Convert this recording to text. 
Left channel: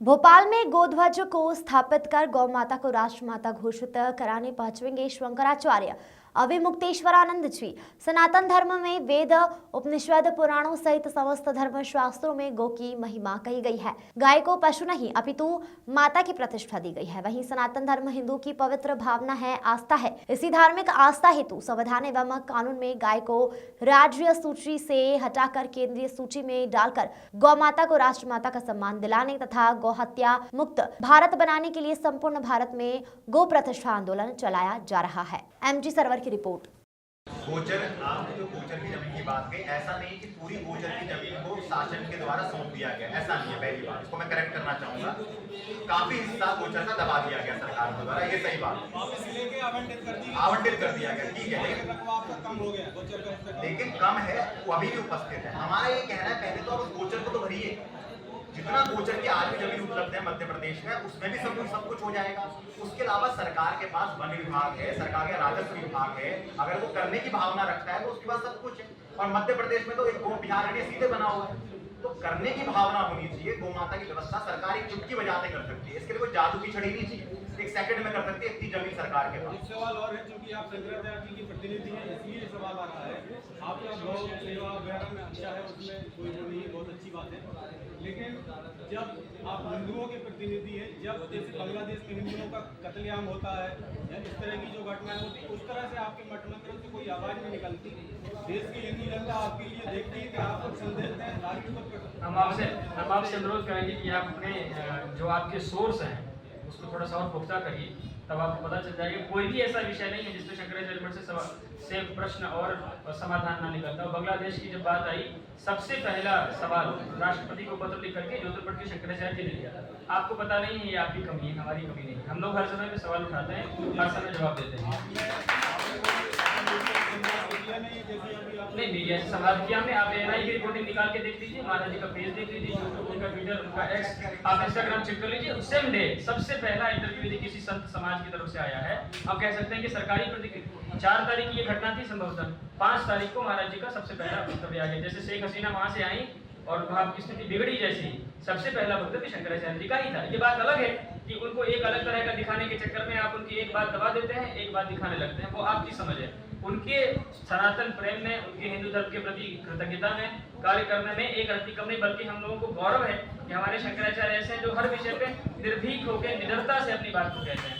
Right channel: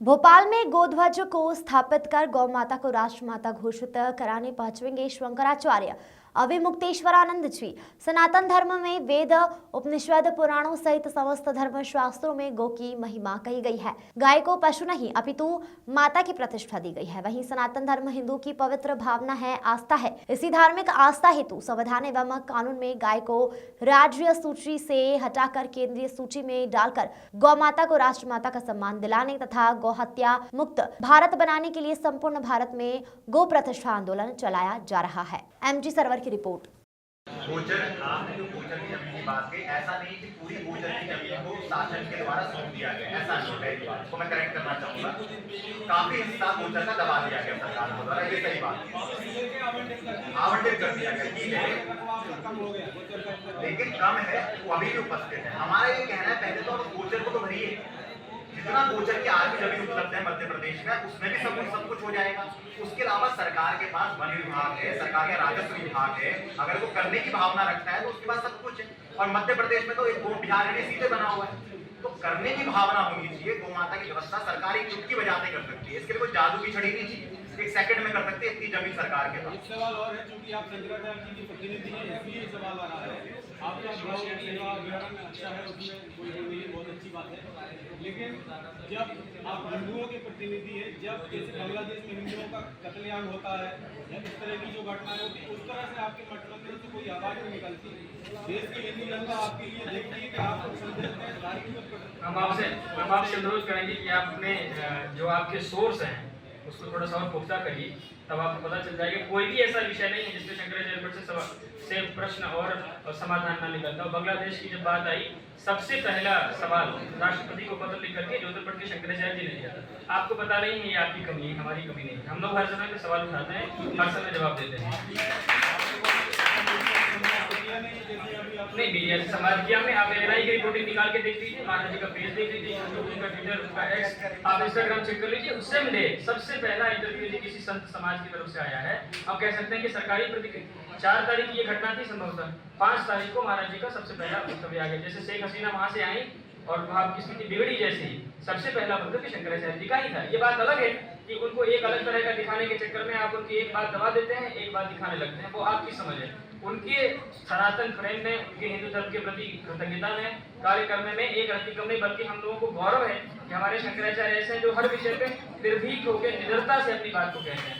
भोपाल में गोध्वज को स्थापित कर गौ माता को राष्ट्रमाता घोषित कराने पहुंचेंगे शंकराचार्य अविमुक्तेश्वरानंद जी। सनातन धर्म में वेद, उपनिषद, पुराणों सहित समस्त धर्म शास्त्रों में गौ की महिमा कही गई है। गाय को पशु नहीं अपितु माता की प्रतिष्ठा दी गई है। वहीं सनातन धर्म हिंदू की पवित्र भावना है, आस्था है। इसी धार्मिक आस्था हेतु संविधान एवं कानून में गाय को राज्य सूची से हटाकर केंद्रीय सूची में डालकर गौ माता को राष्ट्रमाता का सम्मान दिलाने तथा गौ हत्या मुक्त भारत बनाने के लिए संपूर्ण भारत में गौ प्रतिष्ठा आंदोलन चलाया जा रहा है। एमजी सरवर की रिपोर्ट। गोचर, आपने जो गोचर की जमीन की बात की, ऐसा नहीं कि पूरी गोचर की जमीन को शासन के द्वारा सौंप दिया गया, ऐसा नहीं है। पहली बात को मैं करेक्ट करना चाहूंगा, काफी हिस्सा गोचर का दबा दिया गया सरकार के द्वारा, ये सही बात है। आवंटित कर दिया गया, ठीक है, लेकिन कम है, वो अभी भी उपस्थित है। हमारा ये कहना है, पहले तो आप गोचर को तो भरिए, जितना गोचर की आज भी जमीन उपलब्ध है मध्य प्रदेश में, उसमें भी सब कुछ हो जाएगा। उसके अलावा सरकार के पास वन विभाग है, सरकार का राजस्व विभाग है, अगर वो करने की भावना रखता है तो उसके पास सब कुछ है। और मध्य प्रदेश में तो एक गो बिहार में सीधे बना हुआ है, तो करने की भावना होनी चाहिए। गौ माता की व्यवस्था सरकार एक चुटकी बजाते कर सकती है, इसके लिए कोई जादू की छड़ी नहीं चाहिए, एक सेकंड में कर सकती है। इतनी जमीन सरकार के पास। एक सवाल और है, क्योंकि आप शंकराचार्य जी की प्रतिनिधि हैं, इसलिए सवाल आ रहा है। आपका गौ सेवा अभियान अच्छा है, उसमें कोई वो नहीं है, बहुत अच्छी बात है। लेकिन जब आप हिंदुओं के प्रतिनिधि हैं, जब जैसे बांग्लादेश में हिंदुओं का कत्लेआम होता है या इस तरह की जो घटनाएं होती है, उस तरह से आपके मंत्रियों से कोई आवाज नहीं निकलती। देश की हिंदू जनता आपके लिए देखती है कि आप लोग संदेश दें। हम आपसे अनुरोध करेंगे कि आप अपने जो आपके सोर्स हैं उसको थोड़ा सा और पुख्ता करिए, तब आपको पता चल जाएगा। कोई भी ऐसा विषय नहीं है जिसमें शंकराचार्य मठ से प्रश्न और समाधान न निकलता हो। बांग्लादेश की जब बात आई, सबसे पहला सवाल राष्ट्रपति को पत्र लिख करके ज्योतिर्पट के शंकराचार्य जी ने दिया। आपको पता नहीं है, ये आपकी कमी है, हमारी कमी नहीं। हम लोग हर समय पे सवाल उठाते हैं, हर समय जवाब देते हैं। नहीं, मीडिया से संवाद किया में आप एनआई की रिपोर्टिंग निकाल के देख लीजिए, महाराज जी का पेज देख लीजिए, उनका ट्विटर, आप इंस्टाग्राम चेक कर लीजिए। सेम डे सबसे पहला इंटरव्यू यदि किसी संत समाज की तरफ से आया है, आप कह सकते हैं कि सरकारी प्रतिक्रिया। 4 तारीख की ये घटना थी, संभवतः 5 तारीख को महाराज जी का सबसे पहला वक्तव्य आ गया। जैसे शेख हसीना वहां से आई और वहां की स्थिति बिगड़ी, जैसी सबसे पहला वक्तव्य शंकराचार्य जी का ही था। ये बात अलग है कि उनको एक अलग तरह का दिखाने के चक्कर में आप उनकी एक बात दबा देते हैं, एक बात दिखाने लगते हैं, वो आपकी समझ है। उनके सनातन प्रेम में, उनके हिंदू धर्म के प्रति कृतज्ञता में कार्य करने में एक व्यतिक्रम नहीं, बल्कि हम लोगों को गौरव है कि हमारे शंकराचार्य ऐसे हैं जो हर विषय पे निर्भीक होकर निडरता से अपनी बात को कहते हैं।